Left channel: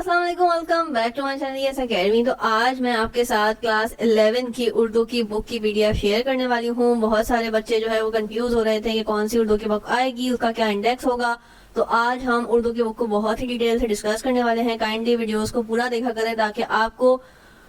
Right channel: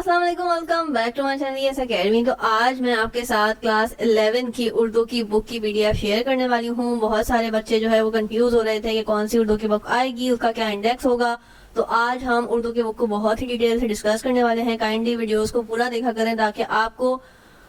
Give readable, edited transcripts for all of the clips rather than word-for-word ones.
अस्सलाम वालेकुम, welcome back to my channel Yes Academy. तो आज मैं आपके साथ क्लास 11 की उर्दू की बुक की पीडीएफ शेयर करने वाली हूँ। बहुत सारे बच्चे जो है वो कंफ्यूज हो रहे थे कि कौन सी उर्दू की बुक आएगी, उसका क्या इंडेक्स होगा। तो आज हम उर्दू की बुक को बहुत ही डिटेल से डिस्कस करने वाले हैं। काइंडली वीडियोस को पूरा देखा करें ताकि आपको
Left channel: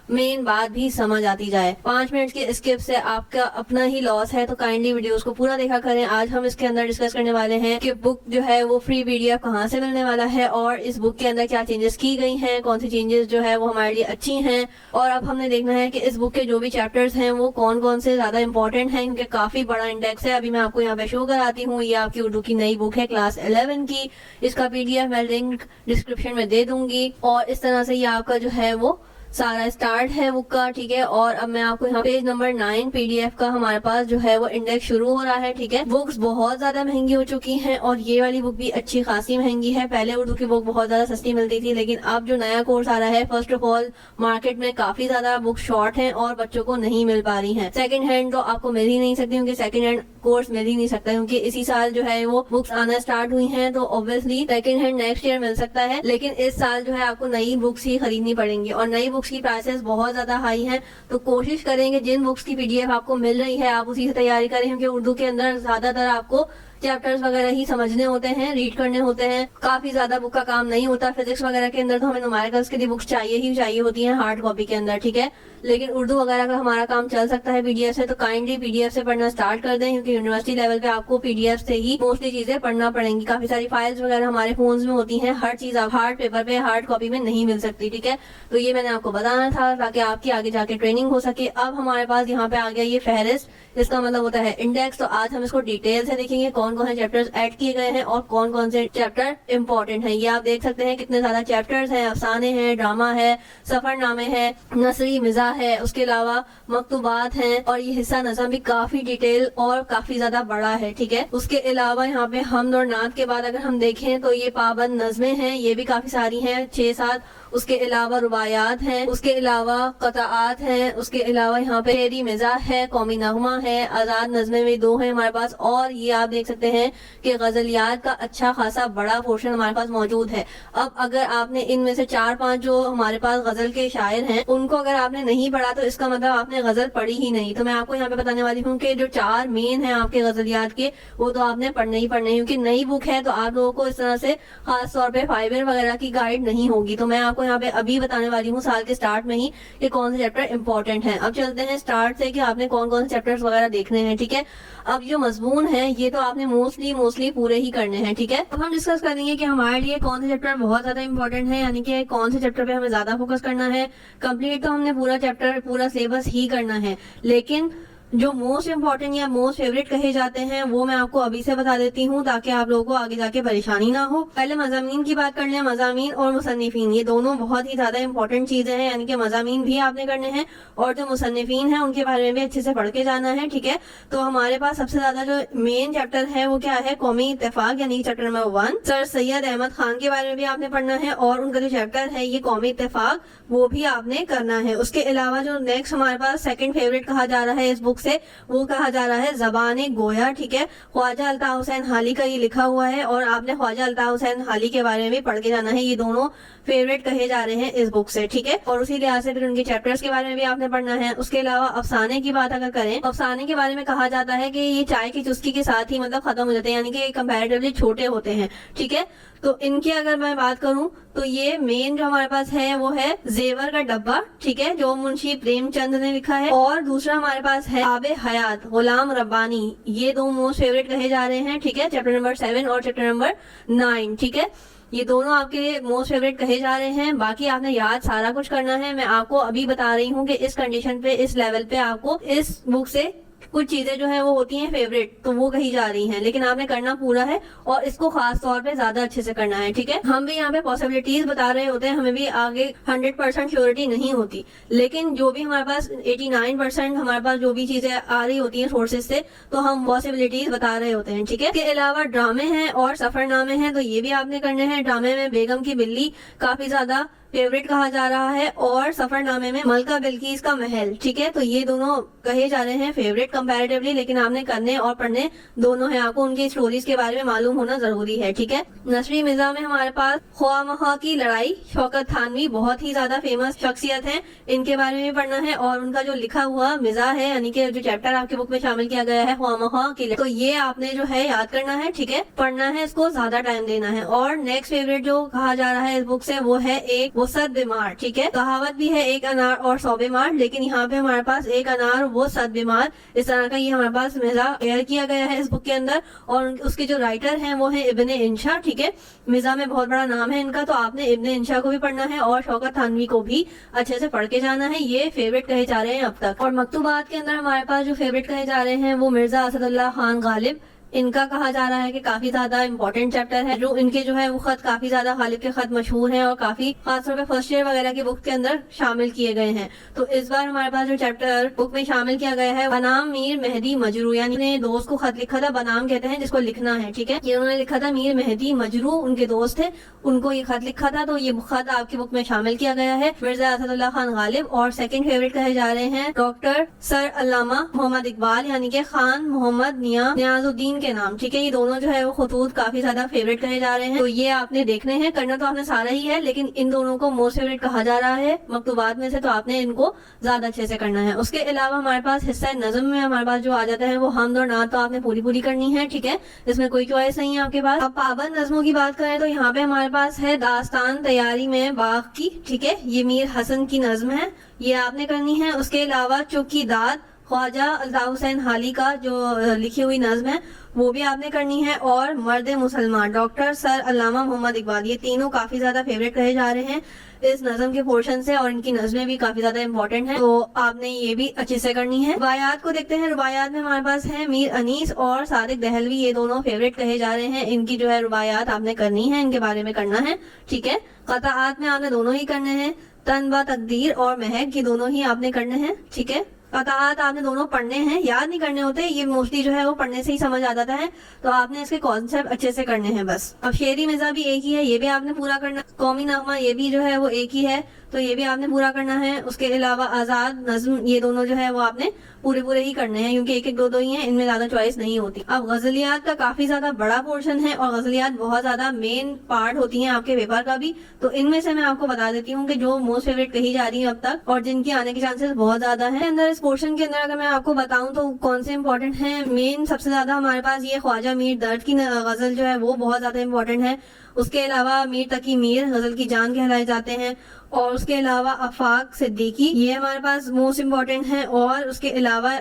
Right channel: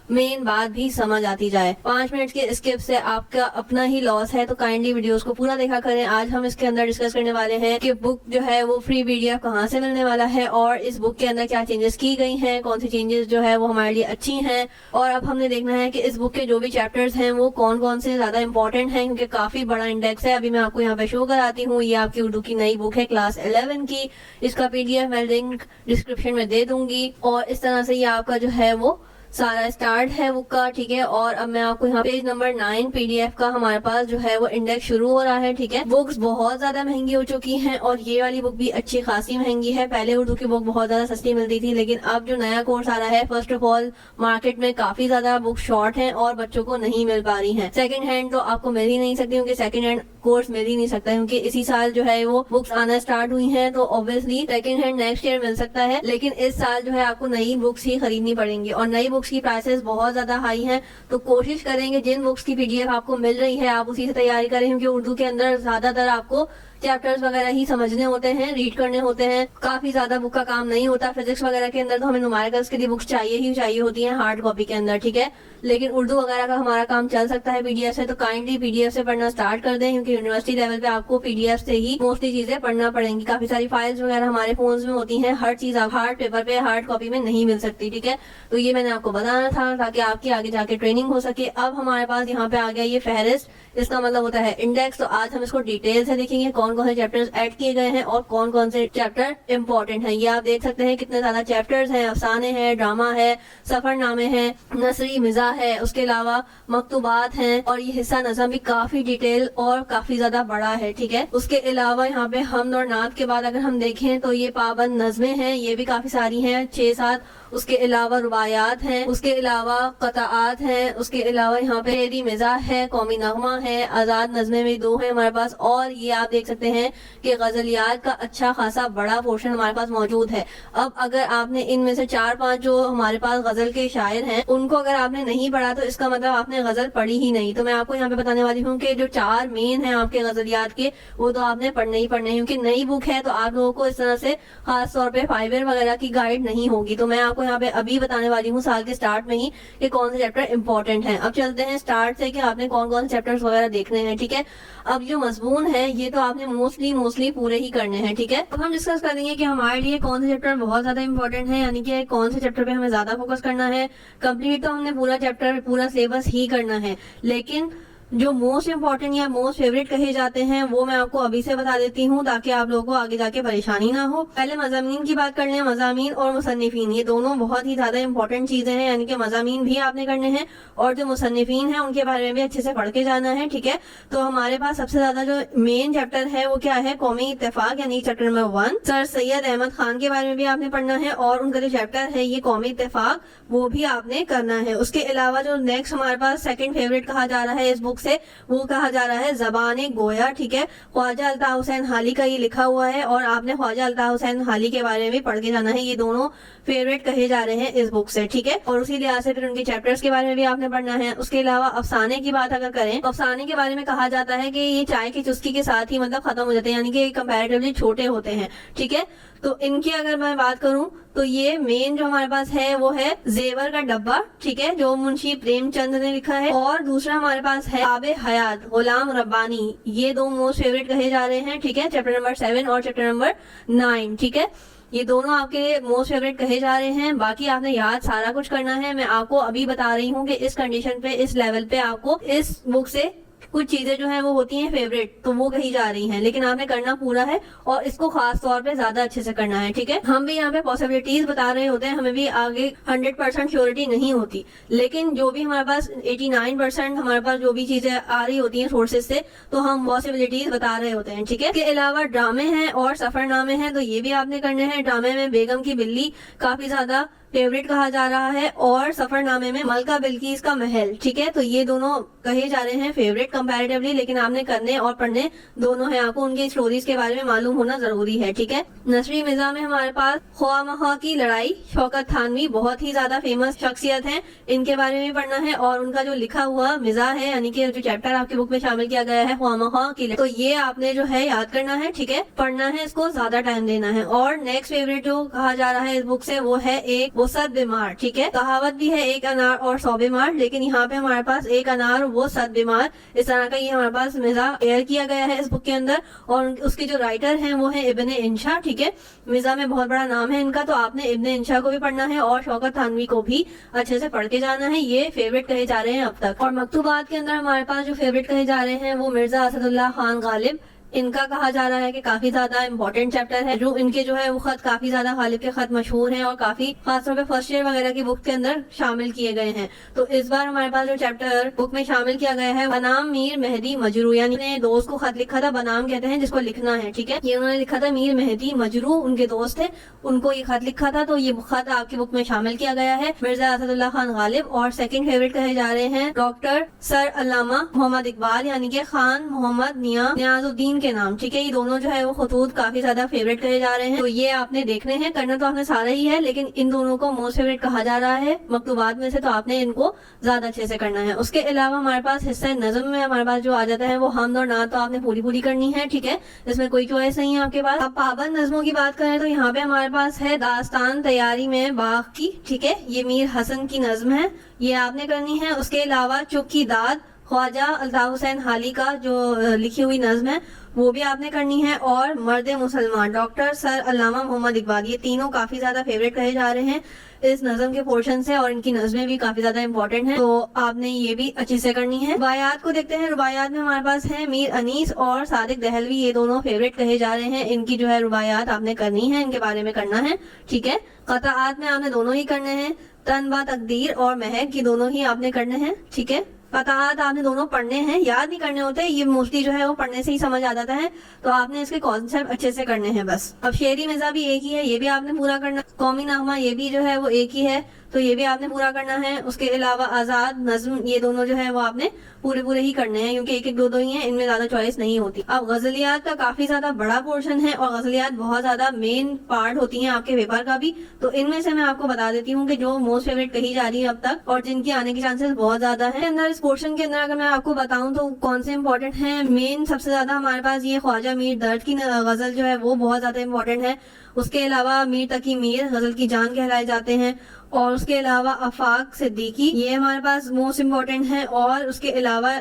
मेन बात भी समझ आती जाए। 5 मिनट की स्किप से आपका अपना ही लॉस है, तो काइंडली वीडियोस को पूरा देखा करें। आज हम इसके अंदर डिस्कस करने वाले हैं कि बुक जो है वो फ्री पीडीएफ कहाँ से मिलने वाला है और इस बुक के अंदर क्या चेंजेस की गई हैं, कौन सी चेंजेस जो है वो हमारे लिए अच्छी हैं। और अब हमने देखना है कि इस बुक के जो भी चैप्टर्स हैं वो कौन कौन से ज्यादा इंपॉर्टेंट हैं, क्योंकि काफी बड़ा इंडेक्स है। अभी मैं आपको यहाँ पे शो कराती हूँ। ये आपकी उर्दू की नई बुक है क्लास 11 की। इसका पीडीएफ मैं लिंक डिस्क्रिप्शन में दे दूंगी और इस तरह से ये आपका जो है वो सारा स्टार्ट है बुक का, ठीक है। और अब मैं आपको यहाँ पेज नंबर 9 पीडीएफ का हमारे पास जो है वो इंडेक्स शुरू हो रहा है, ठीक है। बुक्स बहुत ज्यादा महंगी हो चुकी हैं और ये वाली बुक भी अच्छी खासी महंगी है। पहले उर्दू की बुक बहुत ज्यादा सस्ती मिलती थी, लेकिन अब जो नया कोर्स आ रहा है, फर्स्ट ऑफ ऑल मार्केट में काफी ज्यादा बुक शॉर्ट है और बच्चों को नहीं मिल पा रही है। सेकंड हैंड तो आपको मिल ही नहीं सकती, क्योंकि सेकंड हैंड कोर्स मिल ही नहीं सकता, क्योंकि इसी साल जो है वो बुक्स आना स्टार्ट हुई हैं। तो obviously second hand next year मिल सकता है, लेकिन इस साल जो है आपको नई बुक्स ही खरीदनी पड़ेंगी और नई बुक्स की प्राइसेस बहुत ज्यादा हाई है। तो कोशिश करेंगे जिन बुक्स की पीडीएफ आपको मिल रही है आप उसी से तैयारी करें, क्योंकि उर्दू के अंदर ज्यादातर आपको चैप्टर्स वगैरह ही समझने होते हैं, रीड करने होते हैं। काफी ज्यादा बुक का काम नहीं होता। फिजिक्स वगैरह के अंदर तो हमें न्यूमेरिकल्स के लिए बुक्स चाहिए ही चाहिए होती हैं हार्ड कॉपी के अंदर, ठीक है। लेकिन उर्दू वगैरह का हमारा काम चल सकता है पीडीएफ से। तो काइंडली पीडीएफ से पढ़ना स्टार्ट कर दें, क्योंकि यूनिवर्सिटी लेवल पे आपको पीडीएफ से ही मोस्टली चीजें पढ़ना पड़ेंगी। काफी सारी फाइल्स वगैरह हमारे फोन में होती है, हर चीज आप हार्ड पेपर पे हार्ड कॉपी में नहीं मिल सकती, ठीक है। तो ये मैंने आपको बताना था ताकि आपकी आगे जाके ट्रेनिंग हो सके। अब हमारे पास यहाँ पे आ गया ये फहरिस्त, इसका मतलब होता है इंडेक्स। तो आज हम इसको डिटेल से देखेंगे कौन कौन से चैप्टर्स ऐड किए गए हैं और कौन कौन से चैप्टर इंपॉर्टेंट हैं। ये आप देख सकते हैं कितने ज्यादा चैप्टर्स हैं। अफसाने हैं, ड्रामा है, सफरनामे है, नसरी मिजा है, उसके अलावा मकतूबात हैं और ये हिस्सा नज़म भी काफी डिटेल और काफी ज्यादा बड़ा है, ठीक है। उसके अलावा यहाँ पे हमद और नात के बाद अगर हम देखें तो ये पाबंद नज़में हैं, ये भी काफी सारी हैं, 6-7। उसके अलावा रुबायात हैं, उसके अलावा कताआत हैं, उसके अलावा यहाँ पे शेरी मिजाह है, कौमी नगमा है, आजाद नज़में भी 2 हैं हमारे पास। और ये आप देख सकते हैं कि गजलियात का अच्छा खासा बड़ा पोर्शन हमारे पास मौजूद है। अब अगर आपने इनमें से 4-5 जो हमारे पास गजल के शायर हैं उनको अगर आपने नहीं पढ़ा तो इसका मतलब आपने गजल पढ़ी ही नहीं। तो मैं आपको यहाँ पे बताने वाली हूँ कि जो 4 मेन है आपके गजलियात के वो तो आपने पढ़ने ही पढ़ने हैं, क्योंकि नई बुक है तो आप लोगों को इस तरह से खास तौर पे फाइबर वगैरह की गाइड नहीं होगी। तो मैं आपको यहाँ पे अभी बताने वाली हूँ साल के स्टार्ट में ही कि कौन से चैप्टर इंपॉर्टेंट हैं। अब चलते हैं स्टार्ट से कि आपने कौन कौन से चैप्टर्स वगैरह देखने हैं, ठीक है। अब जो मजमून है ये तो आपने मोस्टली पूरे ही करने हैं, ठीक है। अब हम डिस्कस करेंगे कि हमारे लिए कौन से चैप्टर बहुत ज्यादा इंपॉर्टेंट है, यानी कि कौन से चैप्टर पे हमें ज्यादा फोकस करना है। कंप्लीट तो हमने पूरा चैप्टर पूरा सिलेबस ही करना है, लेकिन जो मोस्ट इंपॉर्टेंट या मोस्ट फेवरेट कहे जाते हैं वो मैं आपको अभी से बता देती हूँ ताकि आप लोगों को आगे जाके परेशानी ना हो। पहले मज़ामीन की बात कर लें। मज़ामीन और मुसन्निफीन ये दोनों बहुत ही ज्यादा इंपॉर्टेंट चीजें हैं, यानी कि मज़ामीन भी आपने करने हैं और जो मुसन्निफीन है उनके बारे में भी अच्छे से पढ़ के जाना है, ठीक है। तो हमारे पास सबसे ज्यादा जो मेन चैप्टर है वो क्या है, कौमी इत्तेफाक, यानी chapter number 1। Sir Syed Ahmad Khan के बारे में भी आपने पढ़ना है और उनका जो चैप्टर है ये कौमी इत्तेफाक वो भी आपने करना है। उसके अलावा जो नेक्स्ट हमारे पास सेकंड फेवरेट कहा जा रहा है इस बुक से वो कहा जा रहा है ज़बान गोया, ठीक है। ख्वाजा अल्ताफ हुसैन हाली का ये लिखा हुआ है और आपने ख्वाजा अल्ताफ हुसैन हाली के बारे में भी पढ़ के जाना है। ये दोनों फेवरेट कहे जा रहे हैं इस बुक से, ठीक है। और उसी लिहाज से फिर उनके चैप्टर्स के बारे में भी आपने पढ़ना है। उसके अलावा अफसाने की बात अगर करें तो अफसाने के बारे में कहा जाता है कि ये चाय की चुस्की के साथ ही मतलब खत्म हो जाते हैं, यानी कि कंपैरेटिवली छोटे होते हैं, ठीक है। तो इनकी अगर मैं बात करूं तो ये मेन जो हमारे पास है वो है जेवर का डब्बा, ठीक है, जो मुंशी प्रेमचंद ने लिखा है। और दूसरा हमारे पास है आबे हयात गुलाम रब्बानी। ये 2 मोस्ट फेवरेट कहे जा रहे हैं, ठीक है, चैप्टर नंबर 7 और चैप्टर नंबर 9, ठीक है। ये दोनों आपके लिए मोस्ट फेवरेट कहे जा रहे हैं। बाकी आपने याद सारा कुछ करना है। मैं आपको अभी बता रही हूँ कि इस कंडीशन पे, इस लेवल पे आपको इस बुक से कुछ चीजें जो हैं वो होती हैं फेवरेट, तो वो कही जा रही हैं, लेकिन आपने करना पूरा है और इसको खास तौर पे ज्यादा अच्छे से करना है, ठीक है। हम भी यहाँ पे पॉसिबिलिटीज बता रहे होते हैं, हमें भी आगे 100% श्योरिटी नहीं होती, लेकिन जो भी हमारे पास 89% हमारे पास जो भी चीजें आ रही होती हैं सोर्सेज से, तो हम पॉसिबिलिटीज बता रहे होते हैं, ठीक है। इसके अलावा ड्रामे हैं और सफरनामे हैं, तो ये भी आपने करने हैं। ड्रामे में बेगम की बिल्ली काफी ज्यादा फेवरेट कहा जा रहा है और सफरनामे में मलका बिल्किस का महल। ठीक है, तो ये दोनों कहे जा रहे हैं फेवरेट कंपैरेटिवली, लेकिन आपने करने और पढ़ने दोनों है, आपको उनके स्टोरीज के बारे में मालूम होना जरूरी है। ठीक है, नसरी मिर्जा में हमारे पास ख्वामखा की लड़ाई, शौकत थानवी बहुत ही ज्यादा फेमस शख्सियत है, इनके बारे में पढ़ना है। और उनका जो लिखा हुआ मिजा है, यानी कि जो चैप्टर आपकी बुक में शामिल किया गया है ख्वामखा की, तो ये आपने जो है याद करना है। ठीक है, पढ़ना है, इसको ज्यादा टाइम देना है। और नेक्स्ट फेवरेट जो कहा जा रहा है इस बुक से वो है एक वसत बीमार। ठीक है, कहावत भी है एक अनार और 100 बीमार, लेकिन यहाँ पे हमारे पास एक अनार वो 7 बीमार, इस तरह का ये हमारे पास मिजा तैयार किया गया है इस बुक के अंदर। और उसके जो राइटर हैं वो है इब्ने इंशा। ठीक है, मिजा में बहुत बड़ा नाम है इनका, तो आपने इब्ने इंशा को भी पढ़ना है और शौकत थानवी को भी अच्छे से पढ़ के जाना है। ये फेवरेट कहे जा रहे हैं अब तक। और मकतूबात के अंदर हमारे पास जो फेवरेट कहे जा रहे हैं वो मिर्जा असदुल्लाह खान गालिब, इनका कहा जा रहा है कि काफी ज्यादा इंपॉर्टेंट चैप्टर है। जो इनके जो है वो खत काफी ज्यादा गालिब के खत मशहूर हैं और काफी खासतौर पे फर्स्ट ईयर वगैरह की बुक के अंदर शामिल किए गए हैं। तो इस बार हमारे पास जो चैप्टर बुक में शामिल किया गया है बनाम मीर मेहदी मजरू, यानी अपने दोस्त को खत लिखा था, बनाम कहते हैं जिसको लिखना है। ठीक है, ये उन्होंने लिखा था, मीर मेहदी मजरू उनके दोस्त थे, उनको ये खत लिखा था, तो ये खत आपकी बुक में शामिल किया गया है मिर्जा असदुल्लाह खान गालिब। और सेकंड फेवरेट कहे जा रहे हैं डॉक्टर सर अल्लामा मोहम्मद इकबाल, यानी कि खान मोहम्मद नियाजुद्दीन के नाम। ठीक है, दोनों जो है वो खतूत काफी ज्यादा फेवरेट कहे जा रहे हैं, तो ये आपने देखने हैं। करना तो आपने सारा ही है, लेकिन इन दोनों को मोस्ट फेवरेट कहा जा रहा है मकतूबात में से, तो आपने इनको ज्यादा अच्छे से करना है। उसके अलावा हमारे पास हिस्सा नज़म में हमारे पास जो आ जाता है वो हमद और नात, तो आपने पूरी करनी है। ठीक है, इसमें कोई चॉइस नहीं है आपके पास। अब पाबंद नज़मों की बात करें तो यहाँ पे हमारे पास है दास्तान तैयारी में बाग की। ठीक है, ये मीर हसन की नज्म है, ये आपने करनी है। उसके अलावा चुकी दाद ख्वाजा अल्ताफ हुसैन हाली का जो लिखी हुई नज्म है वो भी आपने करनी है। और मर्द मुसलमान डॉक्टर सर अल्लामा मोहम्मद इकबाल, ये तीनों काफी ज्यादा फेवरेट कहे जा रहे हैं इस नज्म के पोर्शन से, और इनकी नज्में भी काफी ज्यादा इंपॉर्टेंट हैं, तो आपने ये भी अच्छे से करनी है। रुबायात को देखते हैं, रुबायात में हमारे पास है मीर अनीस और सादिक दहलवी, ये दोनों फेवरेट कहे जा रहे हैं, इनकी जो है रुबायात आपने करनी है, इनके बारे में करना है। ठीक है, क़ताआत में आपने दोनों ही करने हैं, तनबा तकदीर और महक, ये दोनों ही आपने करने हैं। ठीक है, क़ताआत आपने दोनों पढ़ने हैं, याद नहीं करने होते, ये मोस्टली जो है वो पढ़ने से ही समझ आ जाता है, तो आपने इसके कॉन्सेप्ट अच्छे से करने हैं बस। अब शेरी मिज़ा भी एक ही है, ये भी आपने पूरा करना। कौमी नामा ये भी जो है वो एक ही है, तो ये भी आपने पूरा करना है। उसके अलावा आजाद नज्म, ये दोनों जो है वो आपने पूरे ही करने हैं, क्योंकि एक दो ही हैं, इनमें ज्यादा चॉइस नहीं होती। अब गजलियात का काफी ज्यादा बड़ा पोर्शन है और गजलियात बहुत ज्यादा मेन पार्ट होती हैं आपके पेपर का भी, तो इनमें से मैं आपको बता देती हूँ कि जो मोस्ट फेवरेट कही जा रही है अब तक और जिनकी आने के चांसेस बहुत ज्यादा है अंदर इस पोर्शन के अंदर। अगर मैं आपको बताऊं तो कौन से इंपॉर्टेंट है, मेन सबसे ज्यादा हमारे पास ये ख्वाजा मीर दर्द की गजल जो है वो बहुत ज्यादा इंपॉर्टेंट है। उसके अलावा मीर तकी मीर गजल की जान कहलाए जाते हैं, और उसके अलावा आफाक सिद्दीकी, ये हमारे पास मोस्ट इम्पोर्टेंट है। और उसके अलावा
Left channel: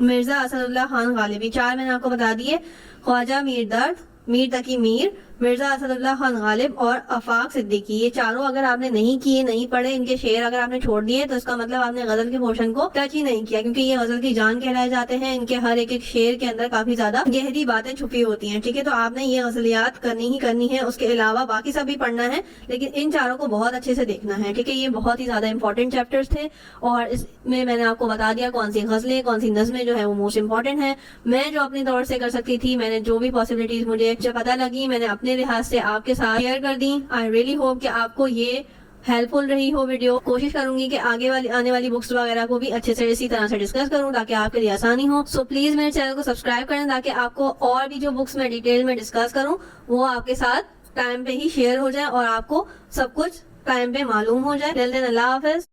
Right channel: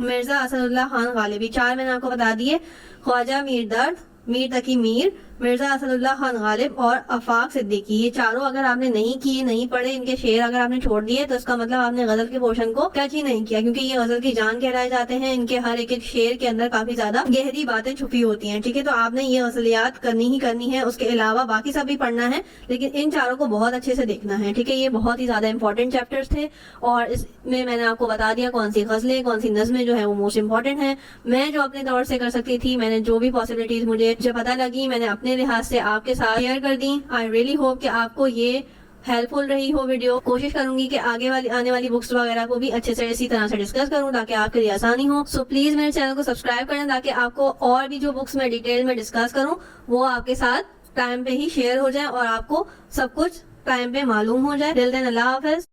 मिर्जा असदुल्लाह खान गालिबी, 4 मैंने आपको बता दिए, ख्वाजा मीर दर्द, मीर तकी मीर, मिर्जा असदुल्लाह खान गालिब और आफाक सिद्दीकी, ये चारों अगर आपने नहीं किए, नहीं पढ़े, इनके शेर अगर आपने छोड़ दिए तो इसका मतलब आपने गजल के पोर्शन को टच ही नहीं किया, क्योंकि ये गजल की जान कहलाए जाते हैं। इनके हर एक शेर के अंदर काफी ज्यादा गहरी बातें छुपी होती हैं। ठीक है, तो आपने ये गजलियात करनी ही करनी है। उसके अलावा बाकी सब भी पढ़ना है, लेकिन इन चारों को बहुत अच्छे से देखना है। ठीक है, ये बहुत ही ज्यादा इंपॉर्टेंट चैप्टर्स थे और इसमें मैंने आपको बता दिया कौन सी गजलें, कौन सी नज़में जो है वो मोस्ट इंपॉर्टेंट है। मैं जो अपने तौर से कर सकती थी, मैंने जो भी पॉसिबिलिटीज मुझे पता लगी, मैंने अपने लिहाज से आपके साथ शेयर कर दी। आई रियली होप कि आपको ये हेल्पफुल रही हो वीडियो। कोशिश करूंगी कि आने वाली बुक्स वगैरह को भी अच्छे से इसी तरह से डिस्कस करूं ताकि आपके लिए आसानी हो। सो प्लीज मेरे चैनल को सब्सक्राइब करें ताकि आपको और भी जो बुक्स मैं डिटेल में डिस्कस करूं वो आपके साथ टाइम पे ही शेयर हो जाए और आपको सब कुछ टाइम पे मालूम हो जाए। टिल देन अल्लाह हाफिज।